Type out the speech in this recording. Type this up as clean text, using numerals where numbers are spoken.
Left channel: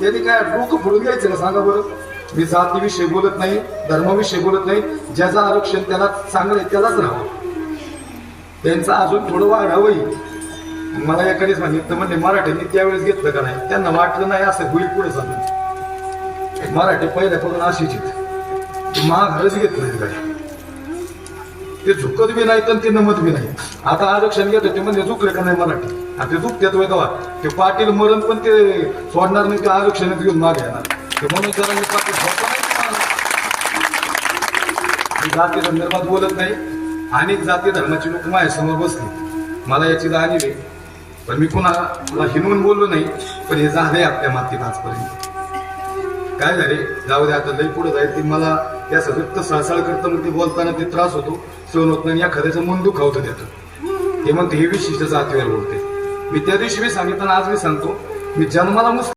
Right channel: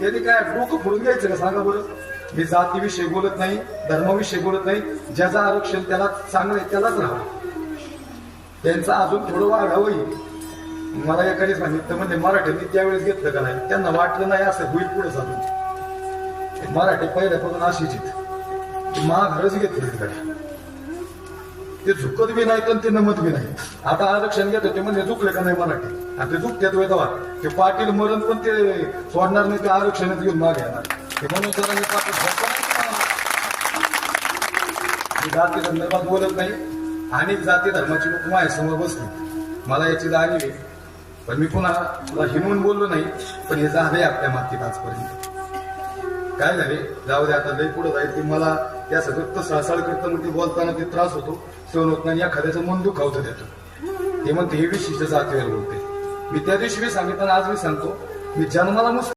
त्यांनी काय डोकं फोडून घ्यायचं ना सांगा बरं. मी जातीविषयी बोलत नाही, धर्माविषयी बोलत नाही. ज्याचं आरक्षण त्याला चांगलं आहे त्यालाच राहावं, त्यांचं अजून थोडं वाढावं. मला एखादीच सांगितलं म्हणजे मराठ्यांनी त्यावेळेस घेतलं का नाही, त्यांना वाटलं नाही असं होईल पुढे चाललं. मराठी पहिल्यापासून अशीच महागारच घेतलं काय, ते झुकत बी नाही तर ते नमत बी नाही. आता आरक्षण घेतो ते म्हणजे झुकले का नाही मराठी, आणि ते झुकतेच होय तेव्हा ते पाटील मरण पण ते सोडणार नाही, ते आरक्षणात घेऊन मागे येणार. ते म्हणून जरा जाती संदर्भात बोलत नाही. अनेक जाती धर्माची लोक माझ्यासमोर बसले, मला याची जाणीव आहे, पण मी कुणाला हिनवून बोललो नाही. पण हे झालंय आपल्या मातीत आजपर्यंत. काय झाले जाऊ दे, आता लई पुढे जाईल. ती मला या सगळं सळसळ करतं, मग ते बोलताना ते त्रास होतो, सहन होत नाही. एखाद्याचं मन दुखावतं देतं. ते म्हणते हे विशिष्ट जातीवर बोलते. मी त्या दिवशी मी सांगितलं, आज मी सांगतो, मी जन्माला मुस्लिम